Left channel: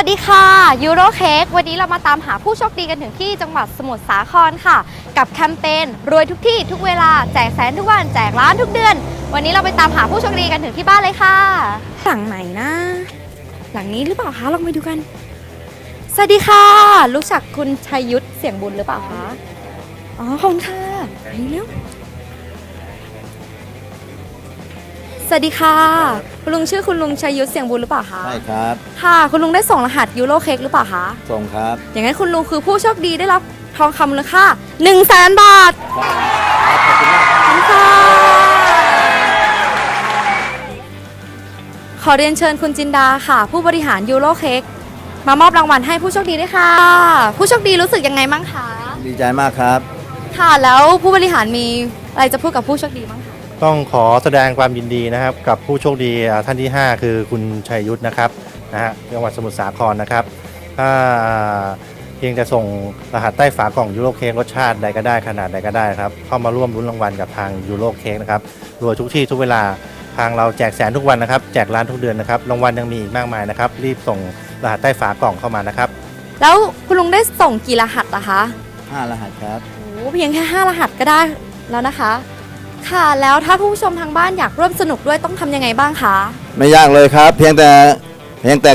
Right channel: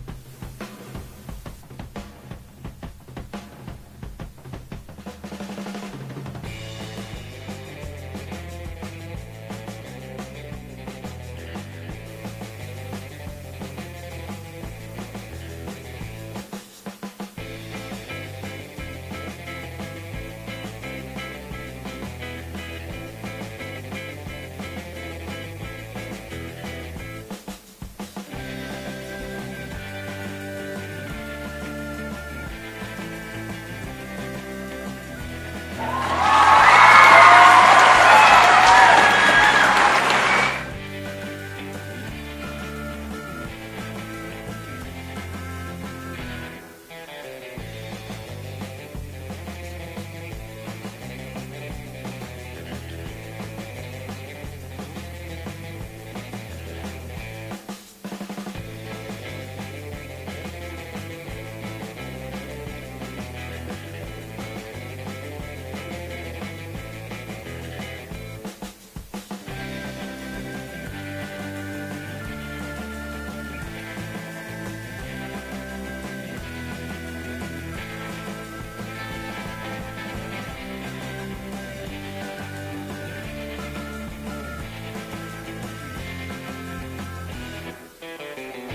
วัสดีค่ะยูโรเค้กวันนี้เรามาตามหาผู้โชคดีกันถึงที่จังหวัดสมุทรสาครค่ะ กับแคมเปญรวยทุกที่ทุกเวลาแจกแสนทุกวันแจกล้านทุกเดือน วันนี้เราไปตามหาผู้โชคดีกันถึงที่บ้านเลยค่ะ หลังไหนนะ หลังนี้หรือเปล่าคะลองไปดูกัน สวัสดีค่ะ รู้จักคุณชัยยุทธเสียงบุญหรือเปล่าคะอ๋อของเธอไปเร็ สวัสดีค่ะ คุณลุงชื่อคุณลุงชัยยุทธเสียงบุญหรือเปล่าคะใช่ครับ ค่ะ คุณลุงได้ส่งรหัสยูโรเค้กหรือเปล่าคะ ส่งครับ อย่างนั้นคุณลุงคือผู้โชคดีได้รับทองคำมูลค่า1 0 0 0 0แสนบาทขอบคุณค่ะขอเรียนเชิญคุณจินดาค่ะ ผู้บริหารยูโรเค้กมามอบรางวัลให้ผู้โชคดีด้วยค่ะ ผู้โชคดีรู้สึกยังไงบ้างคะ ดีใจมากครับ ค่ะ แล้วผู้บริหารมีอะไรจะพูดกับผู้โชคดีบ้างคะ ต้องขอแสดงความยินดีนะครับ กับผู้โชคดีอ่าท่านที่ 5 คือคุณชัยยุทธนะครับนะฮะจังหวัดสมุทรสาครนะครับถ้าเพียงจะส่งรหัสใต้ฝากล่องยูโรเค้กรสชาติใดก็ได้ขนาดใดก็ได้ครับเข้ามาร่วมรุ้นรางวัลกับทางยูโรเค้กนะครับรวยทุกที่ทุกเวลาทางเราแจกแสนทุกวันนะครับ แจกล้านทุกเดือนนะครับรางวัลยังมีอีกมากมายนะครับ รีบส่งรหัสใต้ฝากล่องเข้ามานะครับ แล้วคุณลุงได้ส่งกี่รหัสอะคะ5รหัสครับโอ้เพียงแค่ 5 รหัสก็ได้แล้วนะคะ ค่ะ แล้วถ้าผู้ชมทางบ้านอยากร่วมสนุกด้วยต้องทำยังไงบ้างคะ ไม่ยากเลยครับ เพียงแต่เพียงแต่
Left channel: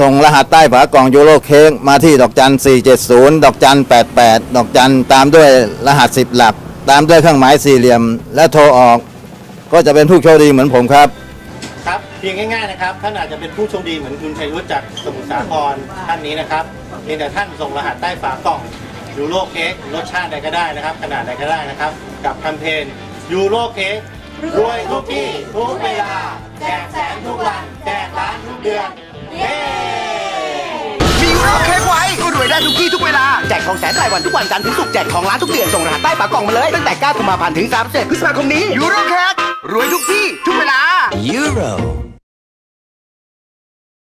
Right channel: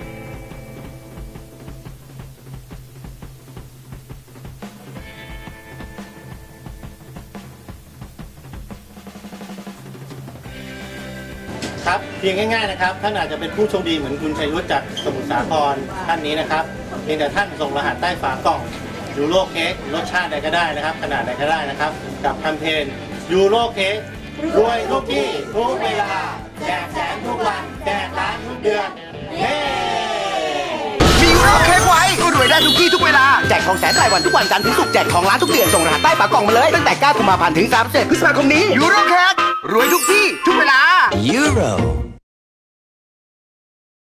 ส่งรหัสใต้ฝากล่องยูโรเค้กมาที่ดอกจัน 470 ดอกจัน 88 ดอกจันตามด้วยรหัส 10 หลัก ตามด้วยเครื่องหมายสี่เหลี่ยม และโทรออก ก็จะเป็นผู้โชคดีเหมือนผมครับ ครับเพียงง่ายๆนะครับท่านอาจจะเป็นผู้โชคดีเหมือนคุณชัยรุธจากสมุทรสาครท่านนี้นะครับเพียงแต่ท่านส่งรหัสใต้ฝากล่องยูโรเค้กรสชาติใดก็ได้นะครับ ขนาดใดก็ได้นะครับ กับแคมเปญ ยูโรเค้กรวยทุกที่ทุกเวลาแจกแสนทุกวันแจกล้านทุกเดือนเย้มียูโรเค้กไว้ก็รวยได้ทุกที่ทุกเวลา แจกทองแสนรายวันทุกวันจันทร์ถึงศุกร์แจกทองล้านทุกเดือน ส่งรหัสใต้ฝากล่องมาเลย ตั้งแต่9กุมภาพันธ์ถึง 31พฤษภาคมนี้ยูโรเค้กรวยทุกที่ทุกเวลา Euro